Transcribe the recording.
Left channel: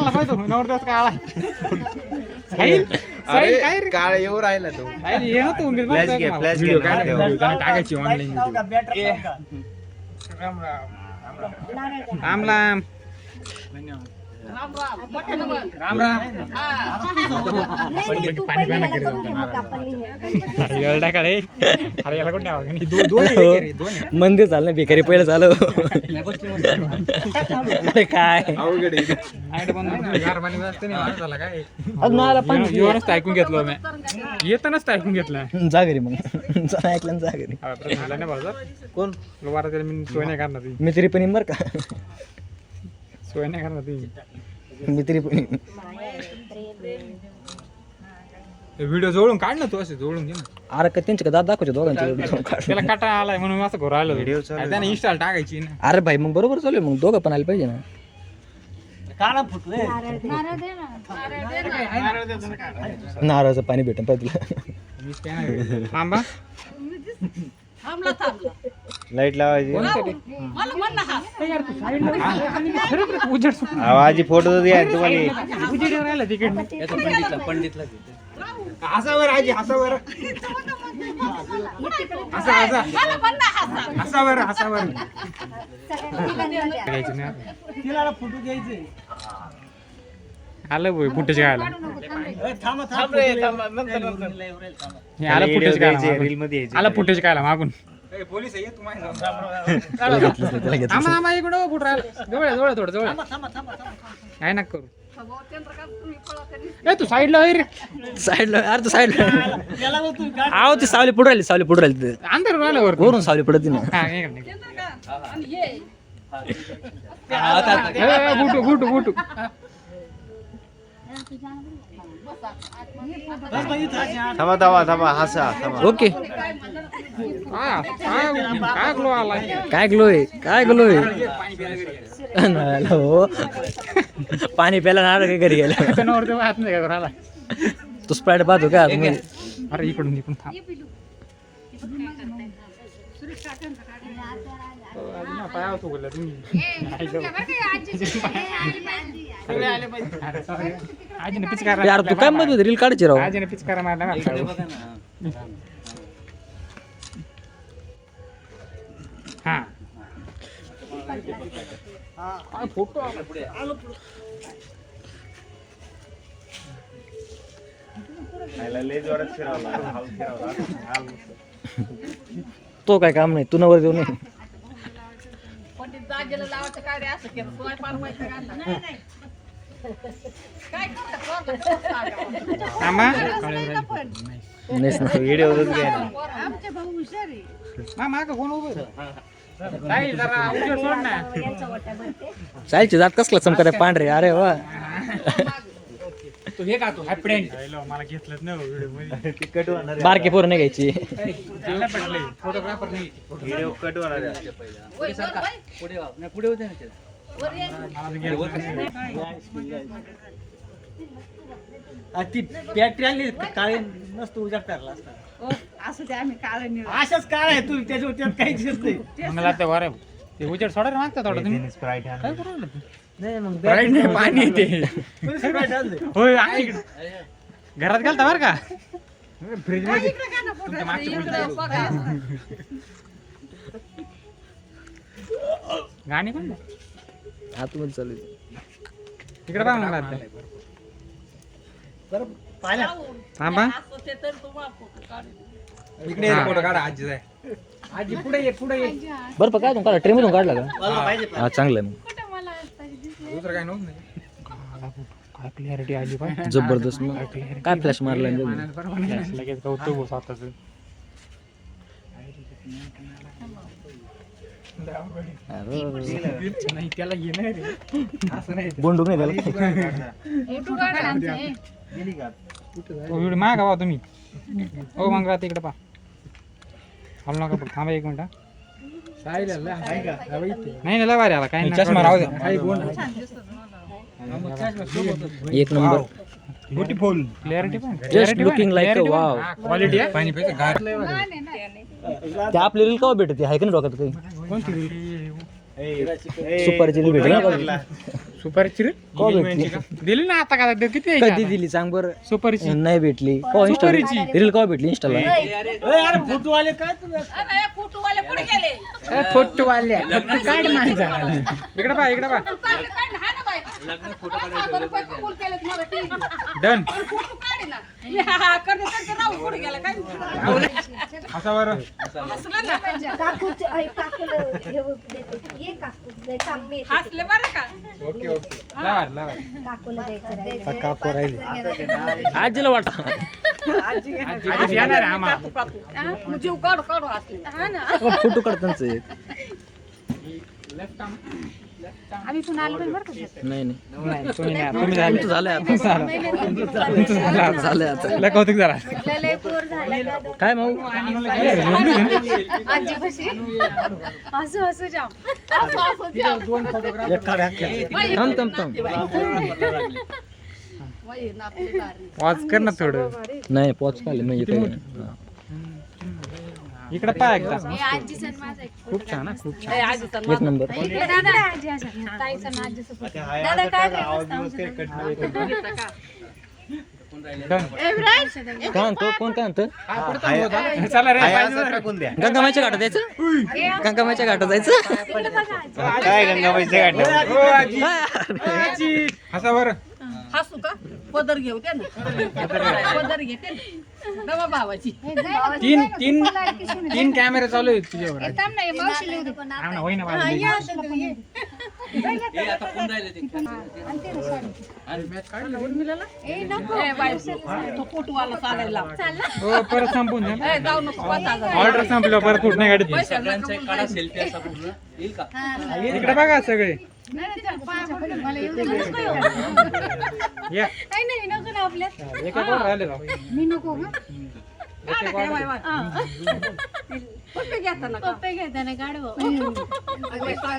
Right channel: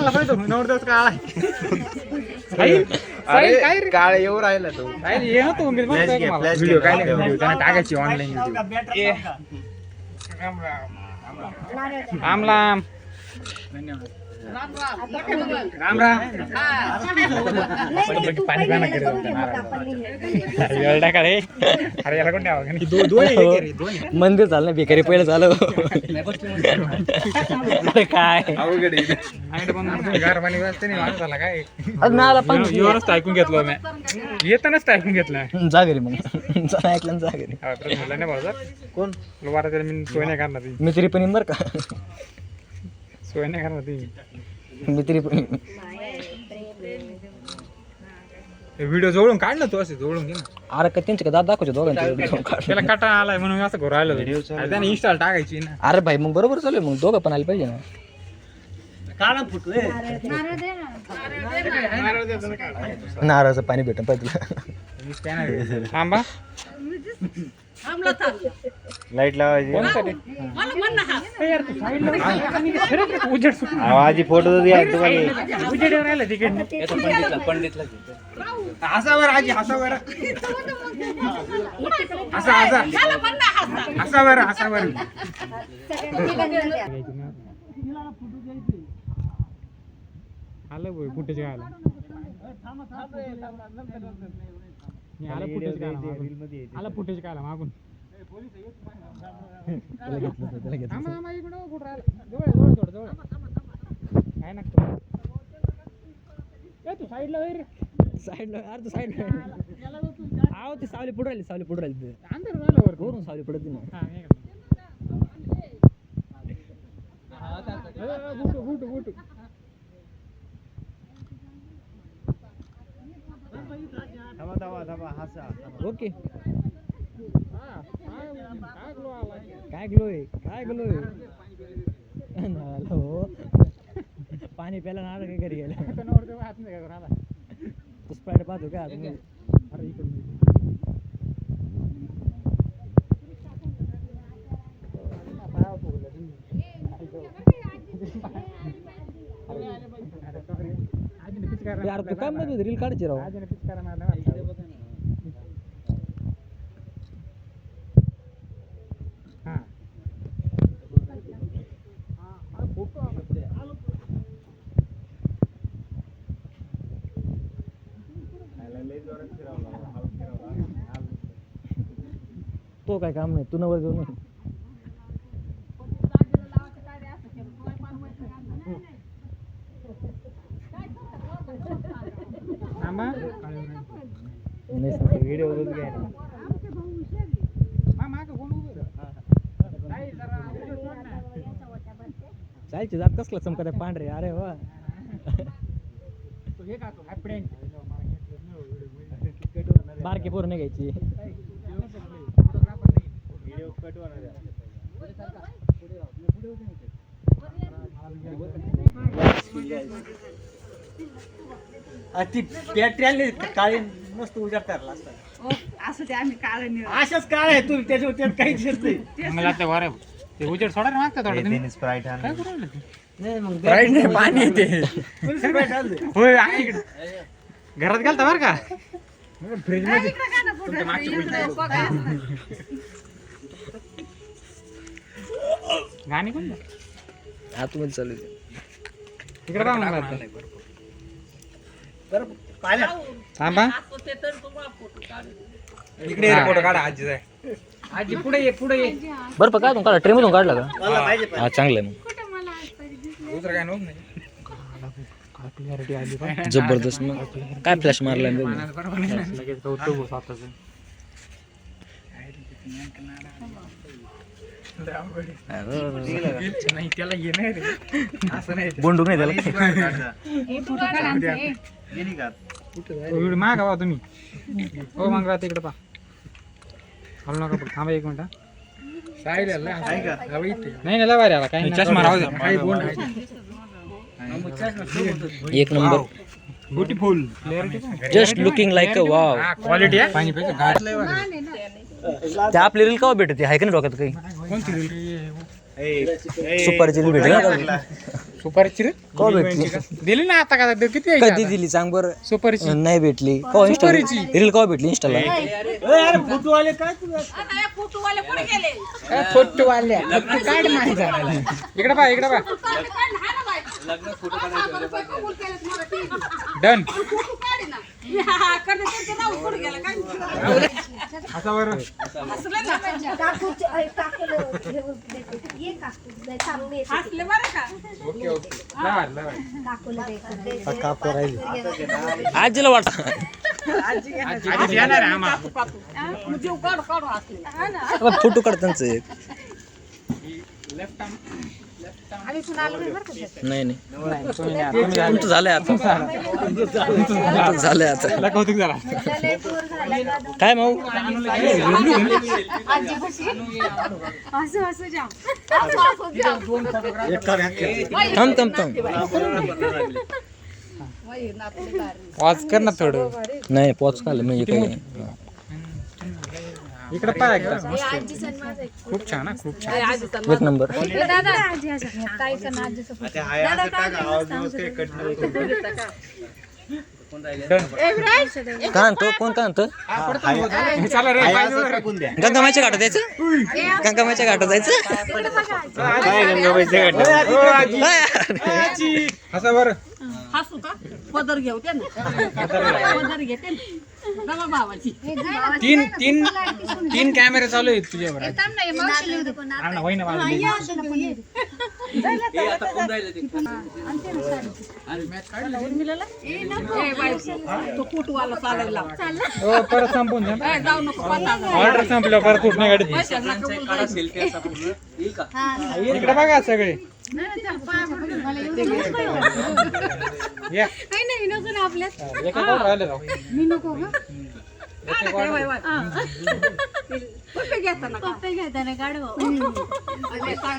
म्हणला पाहिजे नवरदेवाचा काळा अरे काळ येऊ राहिला तो ये ना तू व्हिडिओ काय त्याने टाकायची ऑनलाईन राम राम राम राम पाणी पाणी अरे याला कोण दोन मंदिर झालं भिकारी पहिलं झालं काय अवघड गार पाणी वाजते नाही माणूस झाला काय नाला पाणी येऊनच ऐकून घेतलं मी येतानाच ऐकून घेतलं जा घरी मग ऐकलं जा घरी नाही भाऊ कोण वारा त्याला मी सोय नाही करणार ती मी तरी पण येईन बरं का सोय नाही करणार ती मी तरी पण व्हिडिओ जोडून काढ ना तू असे जोडून घे ना अरे का त्यांच्या दाद दाखवचे दोघांचे त्याला काटा आलाय म्हणून असं घर राहिलं त्याने इंस्टॉल टाकायची ना अरे भाई मग बरोबर चालू मग दोघं पण आले पाहिजे ना नारळाचं पाणी भेटन पाहिजे तुला थांबा लाईट लावायची आजी फोटो पंडितला हसावर आजी हसावर हसावर हसावर आलं भाई फुटेज घ्यायला आला फुटेज घ्यायला रील मध्ये आला फुटेज घ्यायला मागून पोलीस इकडं फुट राहिला जवळ जवळ थोडं जवळ काय नको ए तू साईडला रे साईडला अरे तू साईडला आव ती सावली पुढे राहिली अंदर राहिलं वर वरून सावली पडत ना बुटू बुटू बुटू थांबा थांबा थांबा हसा थांबा ओके काय ग्लो आलाय काय ग्लो आहे हो पाणी प्यायला ना काय घरी गेलं हात नाही का घराला तू स्प्राईट पाहतो का अरे इकडून इकडून थांब यार तू काय मध्ये रील काढायची राव आजीने पिचकारा मारला हा फोटो तो काय काम नाही तू नवर देऊ नाही साईलची जात कसला चमकत पांढरे अरे वा तू हे का तू हॅपी मला घेतलं ना व्हिडिओ बारके पोरं नाही घ्यायची फोटोग्राफर नाही व्हिडिओ कट होणार पुढे होते ती बॅटरी आली काळी नसतो उजाड करला अशाच काळ आहे तू त्याच्यावर काहीच येत नाही ते उजेड सोडा मागता थोडं स्प्राईट काय करू राहिलं नाही मग नाही पाणी येते होय घरात घालता बरं का फ्रीज मध्ये तुमच्या मागची गाणी कोण आतमध्ये चालू तिकडे काय म्हणला थांबा इकडे फोटो काढा आजी आजी पुढे ये बरं का तू काढला ट्रेन मधून काढला का हा चांगलं आहे दुसरं काय नव्हतं नाही काय क्लिअरिटी आली का जबरदस्त मग काय फ्लॅश मारला लगेच गौतम स्वतःच नाही त्याला ये नाही रे असं नाही बोंडूक नाही त्याला व्हिडिओ मागा बा तुम्ही हो मग राहते इकडे पा हलू नका थांबा एक मिनिट नाही लय भारी आला काही चष्मा राहू दे एक number beautiful clarity just looking like a wow quality आहे पाणी पाहिजे ते आपली रील केव्हा भेटते आहे का नाही डोक्यात काही कोणती रील सुपारीची दिली भेटली ना का? सुपारीची रे का भेटली दिली ना आता का किती आहे कधी दिली सांग बरं सुपारीची नाही भेटली का इंस्टा रील का भेटली इंस्टाला फोटो वाले काढ माझा इकडे पा इकडे पा डन असा बरं ओके ओके काकू राहिली आजीला वाटतं आधी येणार आहे आम्हा फोटो काढ त्यांचं एक नाही नाही तुमचं झालंय आता झालंय आता तुला कौतुक झाला काय भाऊ थांब थांब थांब वाच कर ना थोडं नाही पोच काल म्हणजे काय इकडे पा एकदा खूप छान हा खूप छान एक नंबर का आणतो कोण का आणतो चला रे गंगामाच्या घाटात जायचं गंगामाच्या घाटात जायचं असं बरं हसू का पदर घेऊ दे ना पदर घेते नवा भावाची तीन तीन तीन कॅमेरे चालू आहेत तुझ्यावर हा ना, होय ना बाजूला. तो कुटवाला चालवला हो परत संपून दे. जाऊ नको 5,000 ऑर्डर संपलं परत कुठं नाही गाडी इकडे बघा सगळे या एका कोण राहिले राव घेताना घेताना काढू